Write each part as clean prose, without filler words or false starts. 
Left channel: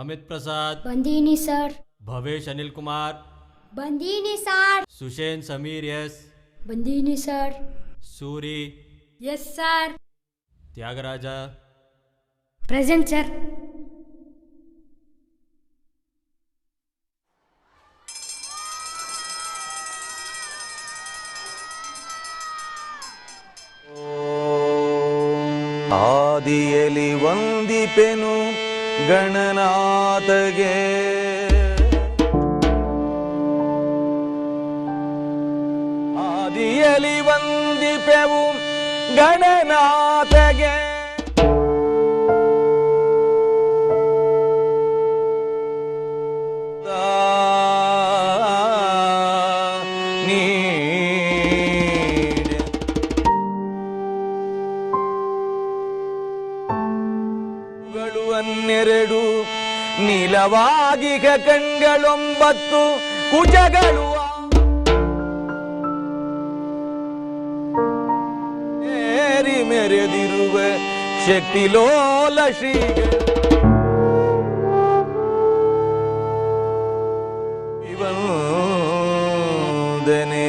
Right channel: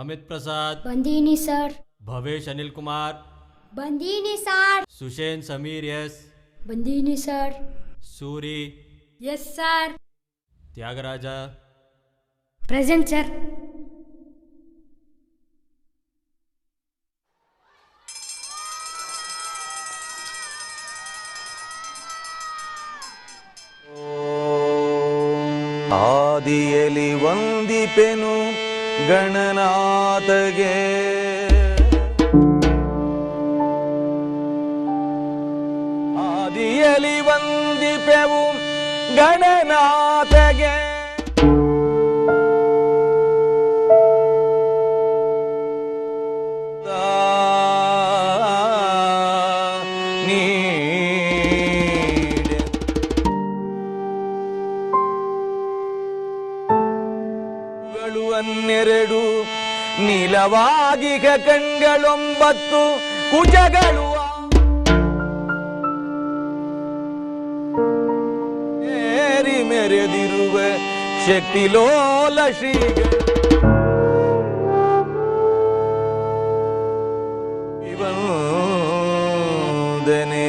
ಅಮಿತ್ ಪ್ರಸಾದ್ ಬಂದೀನಿ ಸರ್. ಭವೇಶ್ ಅನಿಲ್ ಕುಮಾರ್ ಬಂದೀನಿ sir. Sushen Sameer yes ಬಂದೀನಿ sir. Suri yes sir. Tyagaraja present sir. ಆದಿಯಲಿ ವಂದಿಪೆನು ಗಣನಾಥಗೆ, ಆದಿಯಲಿ ವಂದಿಪೆವು ಗಣನಾಥಗೆ. ಹನ್ನೆರಡು ನೀಲವಾಗಿಗ ಕಣ್ಗಳೊಂಬತ್ತು ಕುಜಗಳು ಏರಿ ಮೆರೆದಿರುವ ಶಕ್ತಿಲೋಲ ಶ್ರೀಗಳು ವಂದನೆ.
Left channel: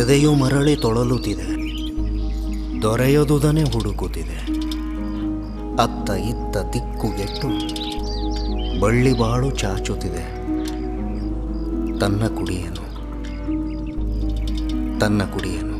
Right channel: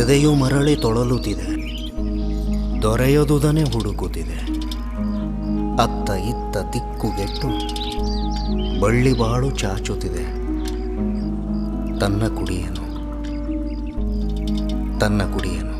ಎದೆಯು ಮರಳಿ ತೊಳಲುತ್ತಿದೆ, ದೊರೆಯದುದನೆ ಹುಡುಕುತ್ತಿದೆ. ಅತ್ತ ಇತ್ತ ದಿಕ್ಕುಗೆಟ್ಟು ಬಳ್ಳಿ ಬಾಳು ಚಾಚುತ್ತಿದೆ. ತನ್ನ ಕುಡಿಯನು ತನ್ನ ಕುಡಿಯನು.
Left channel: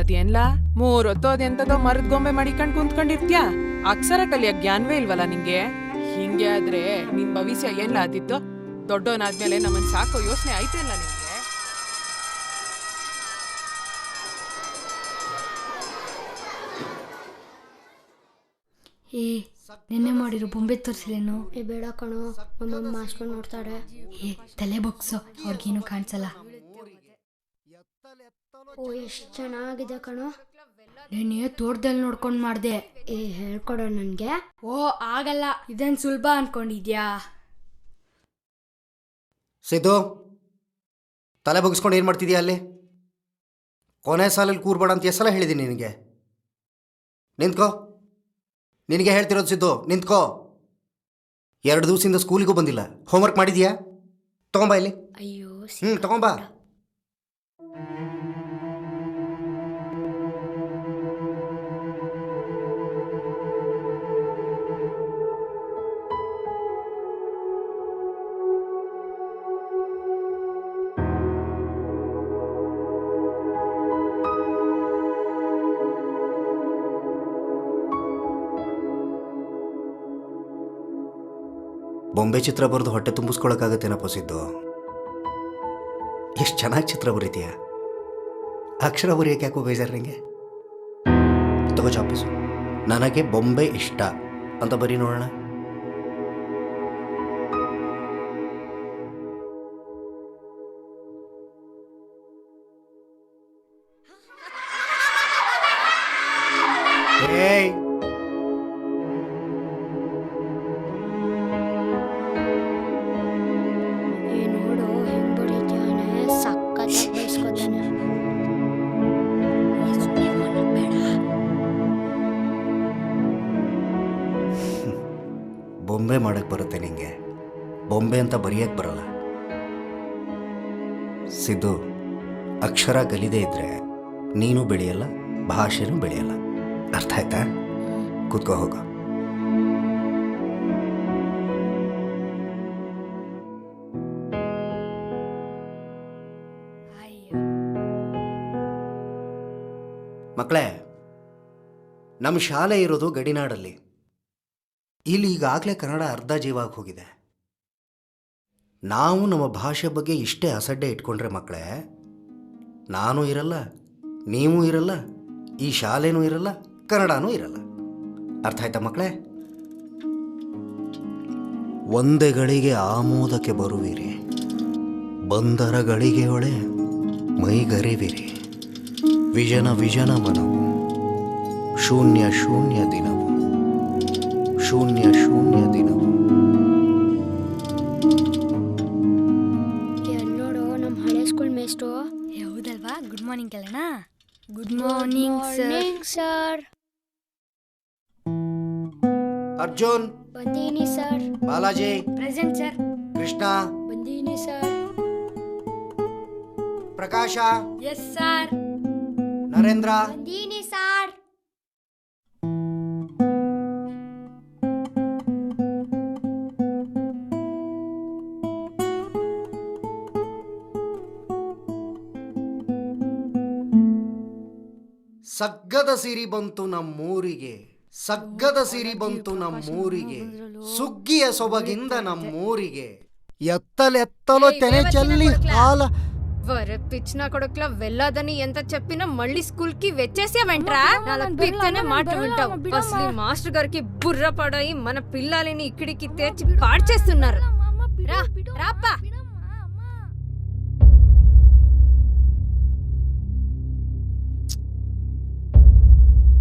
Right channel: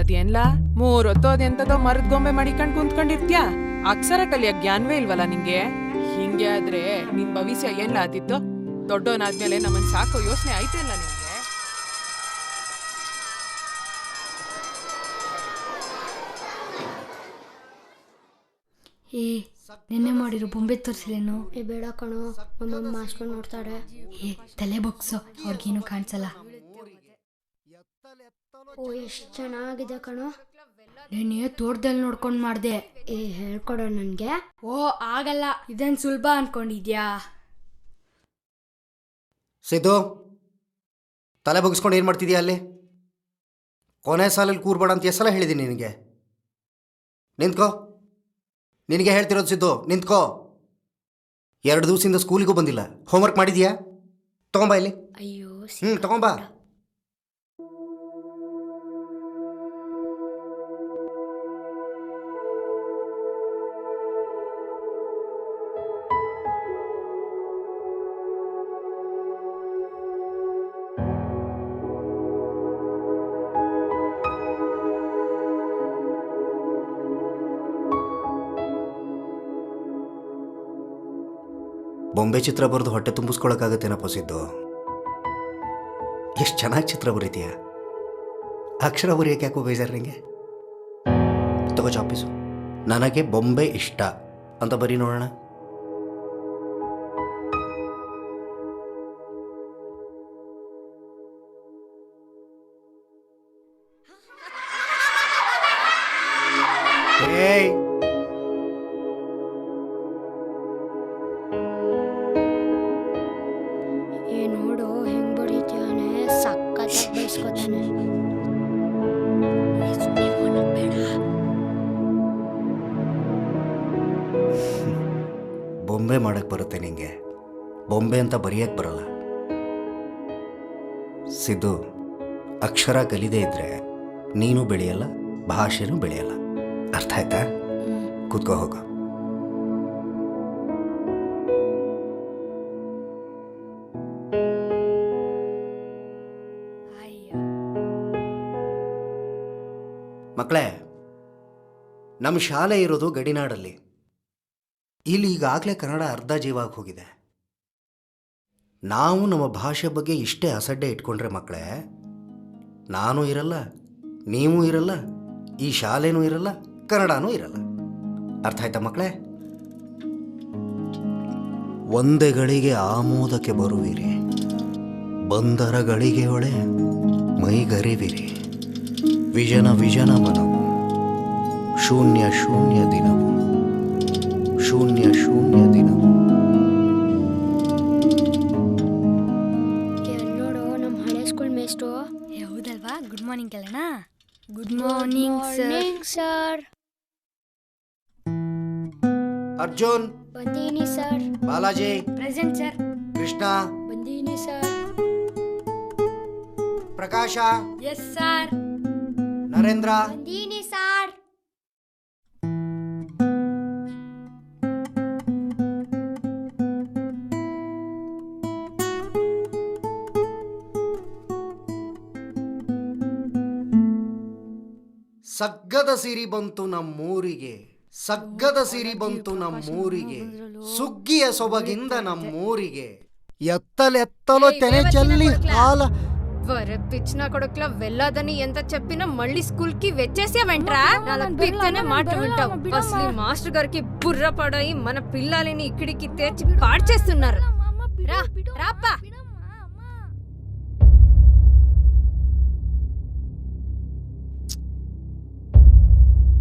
ಅದೇನ್ಲಾ ಮೂರೊತ್ತೋದೆಂತದೋ ಮರದ ಗೊಂಬೆ ಮಾಡಿಕೊಂಡು ಕುಂತ್ಕೊಂಡಿರ್ತ್ಯಾ? ಅಕ್ಷರ ಕಲಿಯ ಜ್ಞಾನವೇ ಇಲ್ವಲ್ಲ ನಿಂಗೆ? ಹಿಂಗೆ ಆದ್ರೆ ನಿನ್ ಭವಿಷ್ಯ ಏನ್ಲ ಆದಿತ್ತು? ದೊಡ್ಡವನಾದ್ಮೇಲೆ ನಮ್ಮನ್ ಸಾಕೋ ಯೋಚನೆ ಆಯ್ತಿಲ್ಲ ನಿಮ್ಗೆ? ಏ ನೆನ್ನೆ ಮಾಡಿರೋ ಬೊಂಬೆ ತೋರಿಸಿಲೇನು? ಏ ಬೇಡ ಕಣೋ, ನಮ್ಮಮ್ಮ ಮಾಸ್ಕೊಂಡು ನೋಡ್ತಾರೆ. ಏ ತಲೆ ಬಗ್ಸೋ, ಅವ್ರಿಗೇನು ಕಾಣಿಸಲ್ಲ. ಓ ಎಷ್ಟು ಚೆನ್ನಾಗಿದೆ ಕಣೋ. ನೀನೇ ತೋಟದಲ್ಲಿ ನೋಡ್ಕೊಂಡು ಮಾಡ್ದೆ. ಏ ಹೇಳ್ಕೊಡೋ ನನಗೆ. ಓ ಆಗಲ್ಲ, ಇದನ್ನು ಸುಲಭ ಅನ್ಕೊಂಡಿದ್ಯಾ? ಸಿದ್ದು, ತಲೆ ಬಗ್ಸ್ಕೊಂಡು ಏನು ಮಾಡ್ತಿದ್ಯಾ ಅಲ್ಲಿ? ಕೊನೆ ಸಾಲಲ್ಲಿ ಕೂರ್ಬೇಡ ಅಂತ ಎಷ್ಟು ಸಲ ಹೇಳಿದ್ದೀನಿ ನಿನಗೆ? ನಿಂತ್ಕೋ. ನಿನಗೆ ಹೇಳ್ತಿರೋದು ಸಿದ್ದು, ನಿಂತ್ಕೋ. 2 ದಿವಸದಿಂದ ಸ್ಕೂಲಿಗೂ ಬಂದಿಲ್ಲ. ಹೋಮ್ವರ್ಕ್ ಮಾಡಿದ್ಯಾ? ತಗೊಂಬಾ ಇಲ್ಲಿ. ಅಯ್ಯೋ ತಗೊಂಬಾ. ಬೊಂಬೆ ಚಿತ್ರ ಬರೆದು ಹೊಟ್ಟೆ ತುಂಬಿಸ್ಕೊಳಕ್ಕಾಗತ್ತೇನಪ್ಪ ಸಿದ್ದು? ಎಷ್ಟು ಚೆನ್ನಾಗಿ ಚಿತ್ರ ಬರೀತೀಯ. ಅಕ್ಷರ ಬರೆಯೋಕೆ ಯಾಕೋ ಬೇಜಾರು ನಿಂಗೆ? ತಗೋ ಚಾಪೀಸು. ನನಗೆ ಬೊಂಬೆ ಇಷ್ಟ ಅಂತ ಬರೀ ನೋಡೋಣ. ಏಯ್, ನೋಡು ಹೆಂಗ್ ಬಡಿತಾನೆ, ಸಕ್ಕತ್ತಾಗಿ ಬಯಸ್ಕೊತಾನೆ. ಬೊಂಬೆ ಮಾಡಕ್ಕೆ ಬರುತ್ತೆ ನಿಂಗೆ, ಬೊಂಬೆ ಅಂತ ಬರೆಯಕ್ಕೆ ಬರಲ್ಲ. ಸಿದ್ದು, ಅಕ್ಷರ ಗಲಿದೇ ಇದ್ರೆ ನೀನು ಬೆಳೆಯಲ್ಲ, ಭಾಷೆನೂ ಬೆಳೆಯಲ್ಲ. ಅರ್ಥ ಆಯ್ತಾ? ಕೂತ್ಕೋ ಹೋಗು. ಮಕ್ಕಳೇ, ನಮ್ಮ ಶಾಲೆ ಇರೋದು ಗಡಿನಾಡಲ್ಲಿ. ಇಲ್ಲಿ ಈಗಾಗಲೇ ಕನ್ನಡ ಅರ್ಧ ಜೀವಾಗಿ ಹೋಗಿದೆ. ನಾವು ನಮ್ಮ ಭಾಷೆ ಬಗ್ಗೆ ಇಷ್ಟೇ ಅಸಡ್ಡೆ ಇಟ್ಕೊಂಡ್ರೆ ಮಕ್ಕಳೇ, ನಾನು ಇರಲ್ಲ, ನೀವು ಇರಲ್ಲ, ಈ ಶಾಲೆನೂ ಇರಲ್ಲ, ಕನ್ನಡನೂ ಇರಲ್ಲ. ಅರ್ಥ ಆಯ್ತಾ ಮಕ್ಕಳೇ? ಒಂದೇ ಗಳಿಗೆ ಆಮೋದಕ್ಕೆ ಬರುವಿರಿ, ಬಂದರ ಗಳಿಗೆ ಒಳೆ ಮೈಗರಿವಿರಿ. ವಿಜನ ವಿಜನ ಮನವು, ಶೂನ್ಯ ಶೂನ್ಯ ದಿನವು, ಶೂನ್ಯ ಶೂನ್ಯ ದಿನವು. ನೋಡು ನಮ್ಮ ಹಳೆ ಸ್ಕೂಲ್ ಮೇಸ್ಟು. ಹೌದಲ್ವಾ? ಗುಡ್ ಮಾರ್ನಿಂಗ್ ಕೇಳೋಣ. Good morning sir. ಅರ್ಜುನ್ ಬಂದೀನಿ sir. Balaji present sir. Krishna ಬಂದೀನಿ sir. Prakash yes sir. Narendra ಬಂದೀನಿ ಸರ್. ಸಗ್ಗದ ಸಿರಿ ಬಂತು ನಮ್ಮೂರಿಗೆ, ಸಗ್ಗದ ಸಿರಿ ಬಂತು ನಮ್ಮೂರಿಗೆ, ಸುಗ್ಗಿಯ ಸೊಬಗಿಂದ ನಮ್ಮೂರಿಗೆ. ఎత్తలెత్తలో తెనే చల్లి హాల పిచ్చిన కొడుకుల వెళ్ళదని ఎంత చెప్పినా మళ్ళీ స్కూల్ కి వచ్చేసామంట్రా. పిచ్చనే మాట వింటావు. అసలు ఈ మాస్టర్ గారికి బుర్ర పడాయి మన పిల్లలని ఇక్కడికి తెచ్చి పాడు చేస్తున్నారు. రా రాప్పా.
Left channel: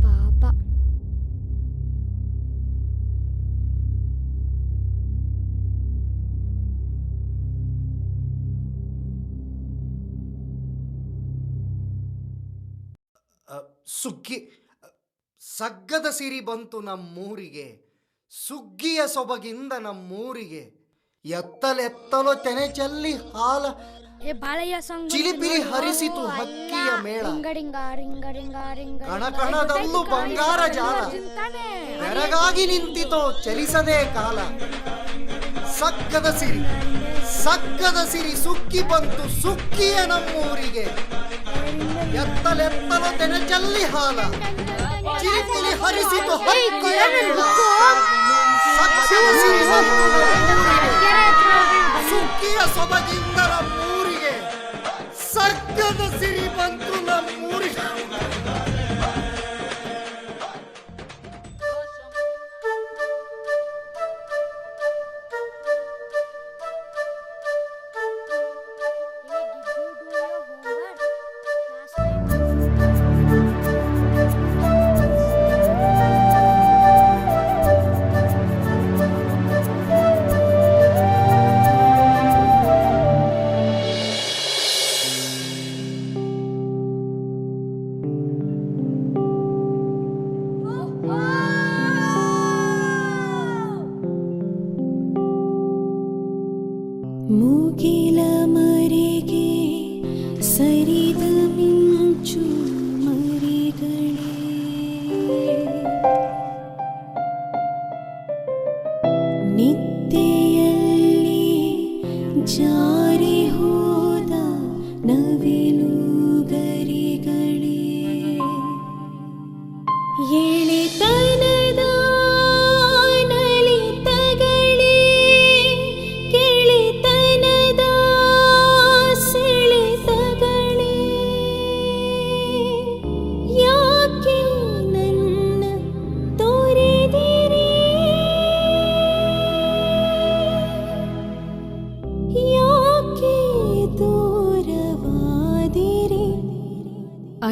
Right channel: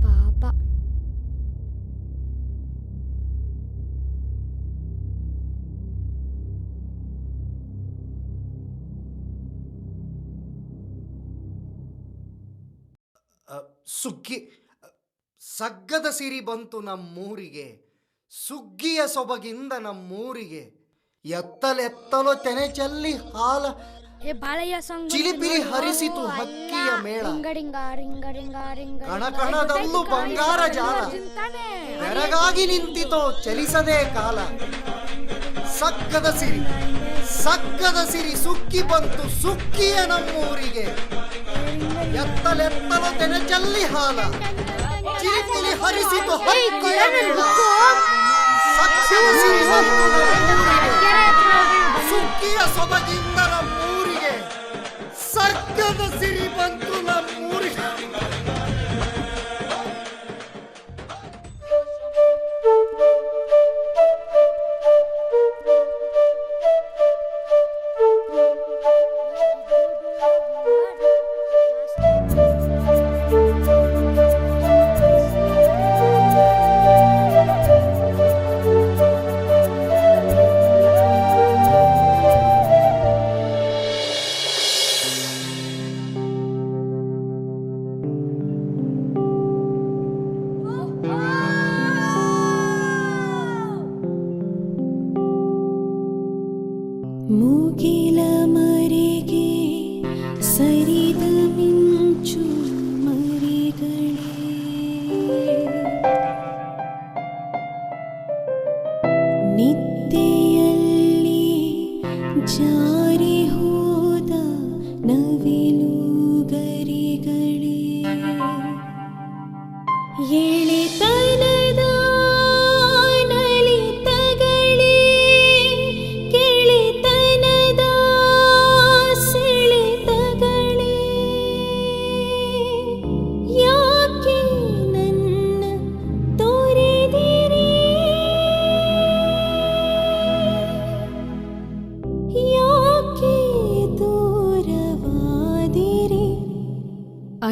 ಪಾಪ. ಸುಗ್ಗಿ ಸಗ್ಗದ ಸಿರಿ ಬಂತು ನಮ್ಮೂರಿಗೆ, ಸುಗ್ಗಿಯ ಸೊಬಗಿಂದ ನಮ್ಮೂರಿಗೆ. ಎತ್ತಲೆತ್ತಲೋ ತೆನೆ ಚೆಲ್ಲಿ ಹಾಲ ಚಿಲಿಪಿಲಿ ಹರಿಸಿತು ಹಕ್ಕಿಯ ಮೇಳ. ಕಣಕಣದಲ್ಲೂ ಬಂಗಾರ ಜಾಲ, ಬೆರಗಾಗಿ ನಿಂತಿತೋ ಚಲಿಸದೆ ಕಾಲ. ಸಗ್ಗದ ಸಿರಿ ಸಗ್ಗದ ಸಿರಿ ಸುಗ್ಗಿ ಬಂತು ಸುಗ್ಗಿಯ ನಮ್ಮೂರಿಗೆ. ಎತ್ತಲೆತ್ತಲೋ ತೆನೆ ಚೆಲ್ಲಿ ಹಾಲ ಚಿಲಿಪಿಲಿ ಹರಿಸಿತು ಹಕ್ಕಿಯ ಮೇಳ. ಸಗ್ಗದ ಸಿರಿ ಬಂತು ನಮ್ಮೂರಿಗೆ, ಸುಗ್ಗಿಯ ಸೊಬಗಿಂದ ನಮ್ಮೂರಿಗೆ. ಸರ್ಗದ ಸಿರಿ ಬಂತು ನಮ್ಮೂರಿಗೆ.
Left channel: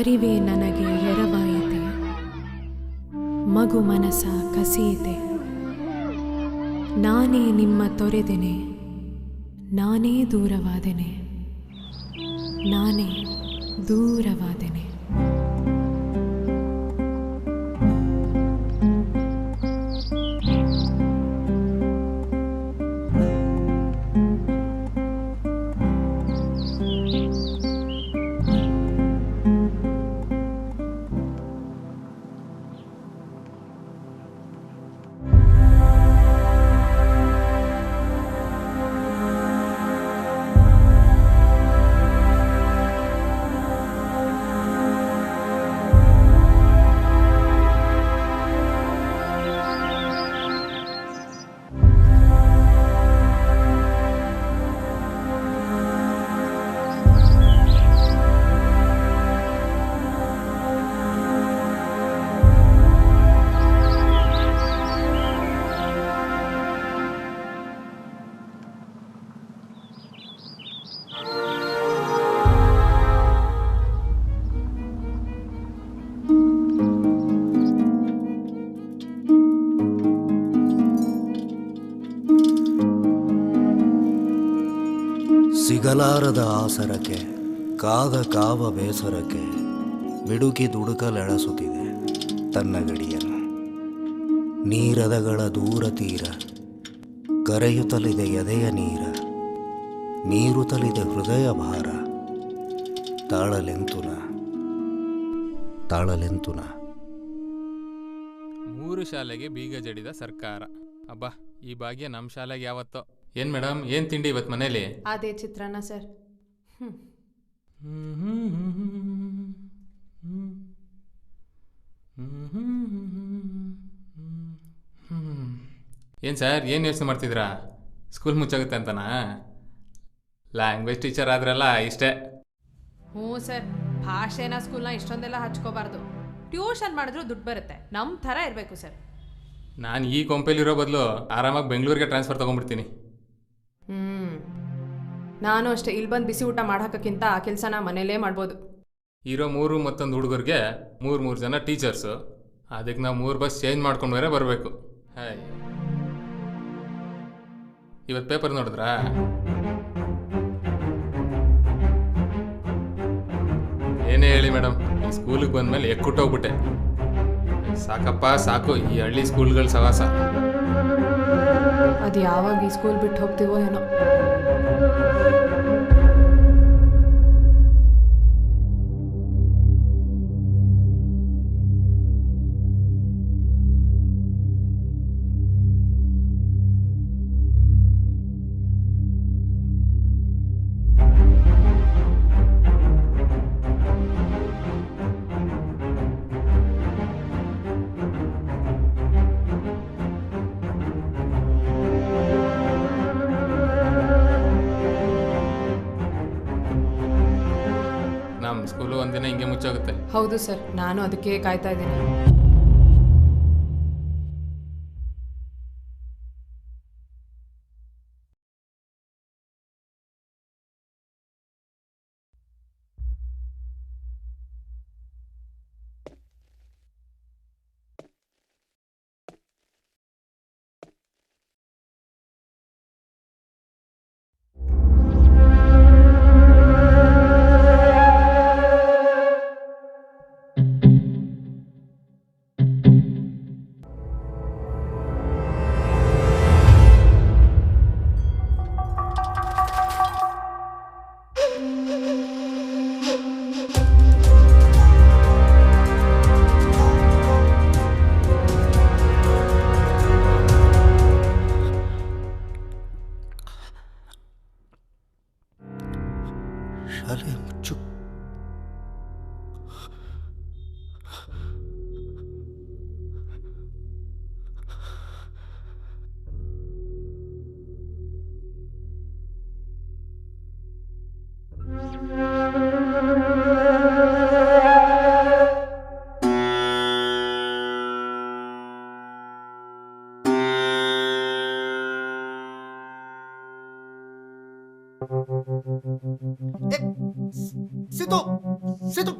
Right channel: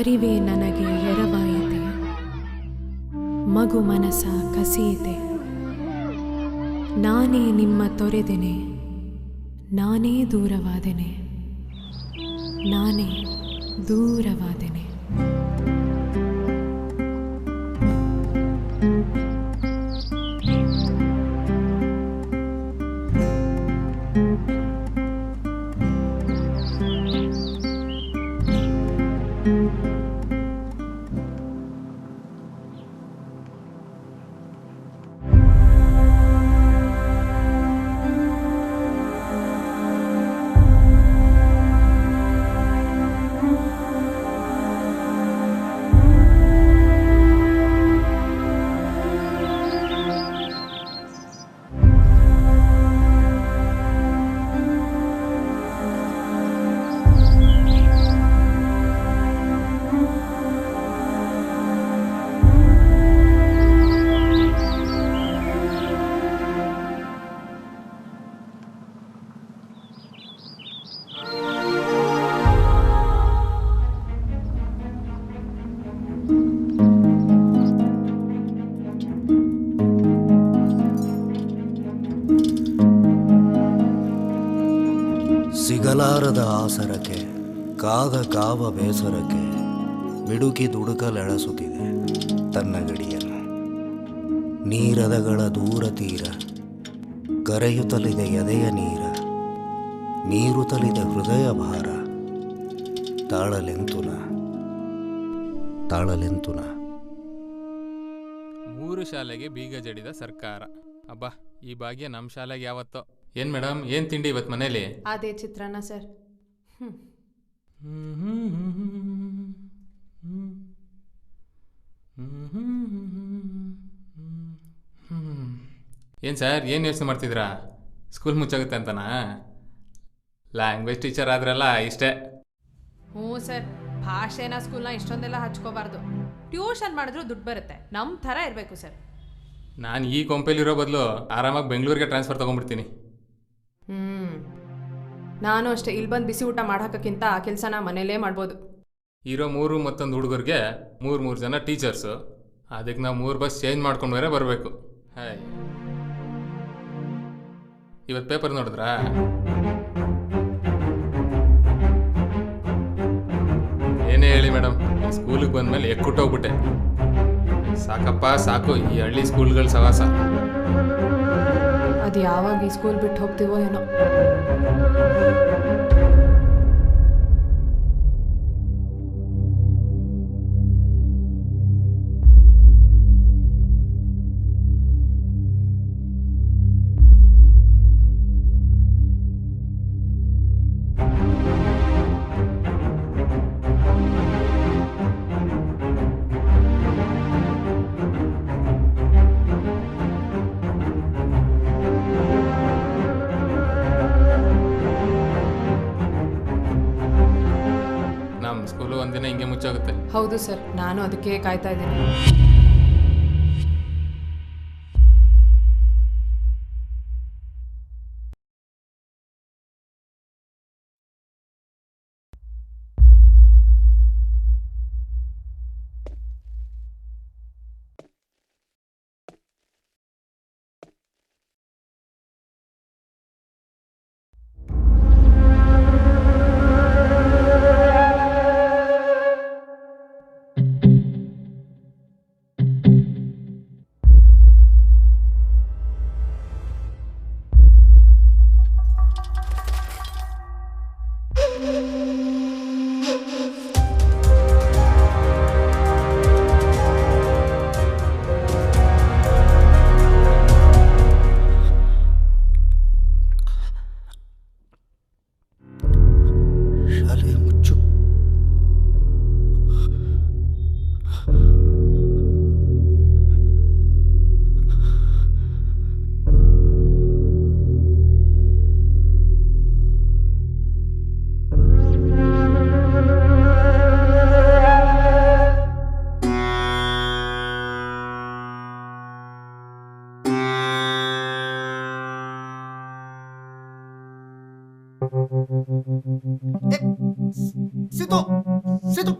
ಅರಿವೇ ನನಗೆ ಎರವಾಯಿತೆ, ಮಗು ಮನಸ ಕಸಿಯಿತೆ. ನಾನೇ ನಿಮ್ಮ ತೊರೆದೆನೆ, ನಾನೇ ದೂರವಾದೆನೆ, ನಾನೇ ದೂರವಾದೆನೆ. ಸಿಗಲಾರದ ಆಸರಕ್ಕೆ ಕಾದ ಕಾವ ಬೇಸರಕ್ಕೆ ಮಿಡುಕಿ ದುಡುಕಲೆಳಸುತ್ತಿದೆ ತನ್ನ ಗಡಿಯನ್ನು. ನೀರದಗಳ ದೂರ ತೀರ ಕರೆಯುತ್ತಲಿದೆ ಎದೆಯ ನೀರ, ಮೀರುತ್ತಲಿದೆ ಹೃದಯ ಭಾರ. ತಾಳಲೆಂತುನ ತಾಳಲೆಂತುನ. 3 ಶಾಲೆಗೆ ಬೀಗ ಜಡಿದ ಸರ್ಕಾರ. ಅಬ್ಬಾ, ಈ ಭಾಗ್ಯ ನಮ್ಮ ಶಾಲೆಗೆ ಯಾವತ್ತೋ. ಏನ್ ಮೇಡಮ್, ಏನ್ ತಿಂಡಿ ಇವತ್ತು ಮನೇಲಿ? ಅದೇ ಚಿತ್ರಾನ್ನ ಸರ್. ಏನ್ ಸರ್, ಏನ್ ಯೋಚನೆ ಮಾಡ್ತಿದ್ರಾ? ಸ್ಕೂಲ್ ಮುಚ್ಚಾಗುತ್ತೆ ಅಂತನಾ? ಲ್ಯಾಂಗ್ವೇಜ್ ಟೀಚರ್ ಆದ್ರಲ್ಲ ಇಷ್ಟೇ. ಹ್ಞೂ ಸರ್, ಭಾಷೆನ ಸ್ಕೂಲ್ನ ಇಷ್ಟೊಂದೆಲ್ಲ ಹಚ್ಕೋಬಾರ್ದು. ಟ್ಯೂಷನ್ ಮಾಡಿದ್ರು ದುಡ್ಡು ಬರುತ್ತೆ, ನಮ್ಮ ಥರ ಇರಬೇಕು ಸರ್. ನಾನು ಈ ಕೊಂಪೆಲಿರೋ ಬದಲು ಆರಾಮಾಗಿ ಬೆಂಗಳೂರಿಗೆ ಟ್ರಾನ್ಸ್ಫರ್ ತೊಗೊಂಡ್ಬಿಡ್ತೀನಿ. ನಾನು ಅಷ್ಟೇ, ಇಲ್ಲಿ ಬಂದು ಬಿಸಿ ಊಟ ಮಾಡೋಕ್ಕಿಂತ ಆ ಕೆಲಸನ ಮನೇಲೇ ಮಾಡ್ಬೋದು. ಇರೋ 3 ಮತ್ತೊಂದು ಹುಡುಗರಿಗೆ 3 ಜನ ಟೀಚರ್ಸು. ಅದಕ್ಕೆ ನಾವು 3 ಬಸ್ ಚೇಂಜ್ ಮಾಡ್ಕೊಂಡು ಬೇರೆ ಬರಬೇಕು. ಹಾಯ್, ಇವತ್ತು ಪೇಪರ್ ನೋಡಿದ್ರಾ? ಏನೇ ಹೇಳಿ ಮೇಡಮ್, ಈ ಸ್ಕೂಲಿಗೆ ಬಂದಮೇಲೆ ಎಕ್ಕುಟ್ಟೋಗ್ಬಿಟ್ಟೆ. ಸಾಕಪ್ಪ ಸಾಕು ಈ ಹಳ್ಳಿ ಸ್ಕೂಲ್ಗಳ ಸವಾಸ. ಅದು ಯಾವಾಗ ಈ ಸ್ಕೂಲ್ ಬಿಟ್ಟು ಹೋಗ್ತೀವೋ ಏನೋ. ನಮ್ಮ ಸ್ಕೂಲು ಒಂದಿನ ಹಿಂಗೆ ಮುಚ್ಚೋಗುತ್ತೆ. ಹೌದು ಸರ್, ನಾನು ಅದಕ್ಕೆ ಕಾಯ್ತಾ ಇದ್ದೀನಿ. ಸಿದ್ದು ಸಿದ್ದು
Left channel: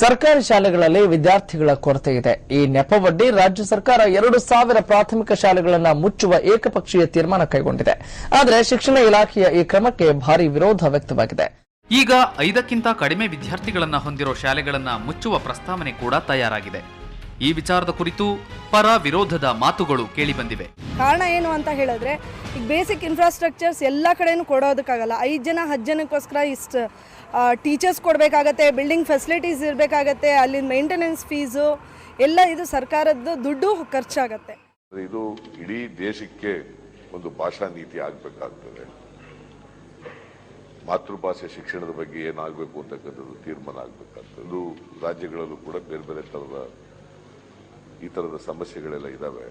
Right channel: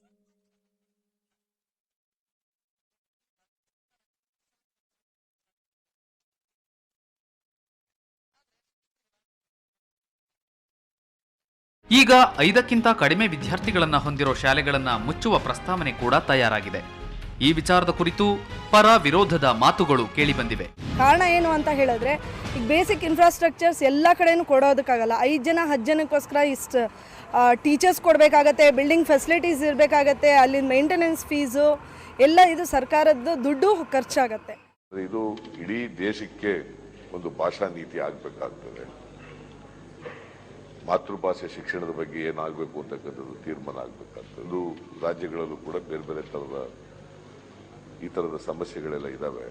ಸರ್ಕಾರಿ ಶಾಲೆಗಳಲ್ಲಿ ವಿದ್ಯಾರ್ಥಿಗಳ ಕೊರತೆ ಇದೆ. ಈ ನೆಪವೊಡ್ಡಿ ರಾಜ್ಯ ಸರ್ಕಾರ 2,000 ಪ್ರಾಥಮಿಕ ಶಾಲೆಗಳನ್ನು ಮುಚ್ಚುವ ಏಕಪಕ್ಷೀಯ ತೀರ್ಮಾನ ಕೈಗೊಂಡಿದೆ. ಆದರೆ ಶಿಕ್ಷಣ ಇಲಾಖೆಯ ಈ ಕ್ರಮಕ್ಕೆ ಭಾರಿ ವಿರೋಧ ವ್ಯಕ್ತವಾಗಿದೆ. ಈಗ 5ಕ್ಕಿಂತ ಕಡಿಮೆ ವಿದ್ಯಾರ್ಥಿಗಳನ್ನ ಹೊಂದಿರೋ ಶಾಲೆಗಳನ್ನ ಮುಚ್ಚುವ ಪ್ರಸ್ತಾವನೆ ಕೂಡ ತಯಾರಾಗಿದೆ. ಈ ವಿಚಾರದ ಕುರಿತು ಪರ ವಿರೋಧದ ಮಾತುಗಳು ಕೇಳಿಬಂದಿವೆ. ಕಾರಣ ಏನು ಅಂತ ಹೇಳಿದ್ರೆ, ಈಗ ಬೇಸಿಕ್ ಇನ್ಫ್ರಾಸ್ಟ್ರಕ್ಚರ್ಸ್ ಎಲ್ಲ ಕಡೆನೂ ಕೊಡೋದಕ್ಕಾಗಲ್ಲ. 5 ಜನ 10 ಜನಕ್ಕೋಸ್ಕರ ಇಷ್ಟು ಟೀಚರ್ಸ್ ಕೊಡಬೇಕಾಗತ್ತೆ, ಬಿಲ್ಡಿಂಗ್ ಫೆಸಿಲಿಟೀಸ್ ಇರಬೇಕಾಗತ್ತೆ, ಅಲ್ಲಿನ ಮೇಂಟೆನೆನ್ಸ್ ಫೀಸು ಎಲ್ಲ ಇದು ಸರ್ಕಾರದ್ದು ದುಡ್ಡು ಖರ್ಚಾಗತ್ತೆ. ಇದು ಇಡೀ ದೇಶಕ್ಕೆ ಒಂದು ಭಾಷಾ ನೀತಿ ಆಗಬೇಕಾಗ್ತದೆ. ಮಾತೃಭಾಷೆ ಶಿಕ್ಷಣದ ಬಗ್ಗೆ ಏನಾಗಬೇಕು ಅಂತಕ್ಕಂಥದ್ದು ತೀರ್ಮಾನ ಆಗಬೇಕಾಗ್ತದೆ. ಅದು ರಾಜ್ಯಗಳಲ್ಲೂ ಕೂಡ ಬೇರೆ ಬೇರೆ ಥರದ ಈ ಥರದ ಸಮಸ್ಯೆಗಳೆಲ್ಲ ಇದ್ದಾವೆ.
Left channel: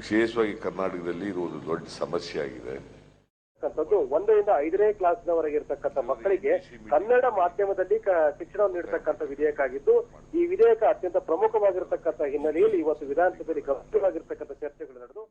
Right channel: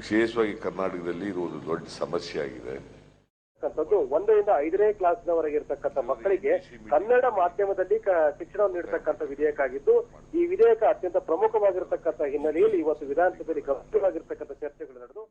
ವಿಶೇಷವಾಗಿ ಕರ್ನಾಟಕದಲ್ಲಿ ಇದು ಒಂದು ದೊಡ್ಡ ಸಮಸ್ಯೆ ಆಗಿದೆ. 1 ರಿಂದ 5ನೇ ಕ್ಲಾಸ್ನವರೆಗೆ ಇರತಕ್ಕಂಥ ಮಕ್ಕಳಿಗೆ ಕನ್ನಡ ಮಾಧ್ಯಮದಲ್ಲಿ ಶಿಕ್ಷಣ ನೀಡತಕ್ಕಂಥ ವಿಧೇಯಕ ಆಗಿದ್ದು, ಈ ವಿಧೇಯಕ ಅತ್ಯಂತ ಪ್ರಮುಖವಾಗಿರತಕ್ಕಂಥ ಹಿನ್ನೆಲೆಯಲ್ಲಿ ಇವತ್ತು ವಿಧಾನಸಭೆಯಲ್ಲಿ ಗಂಭೀರವಾಗಿರ್ತಕ್ಕಂಥ ಚರ್ಚೆಗಳು ನಡೆದು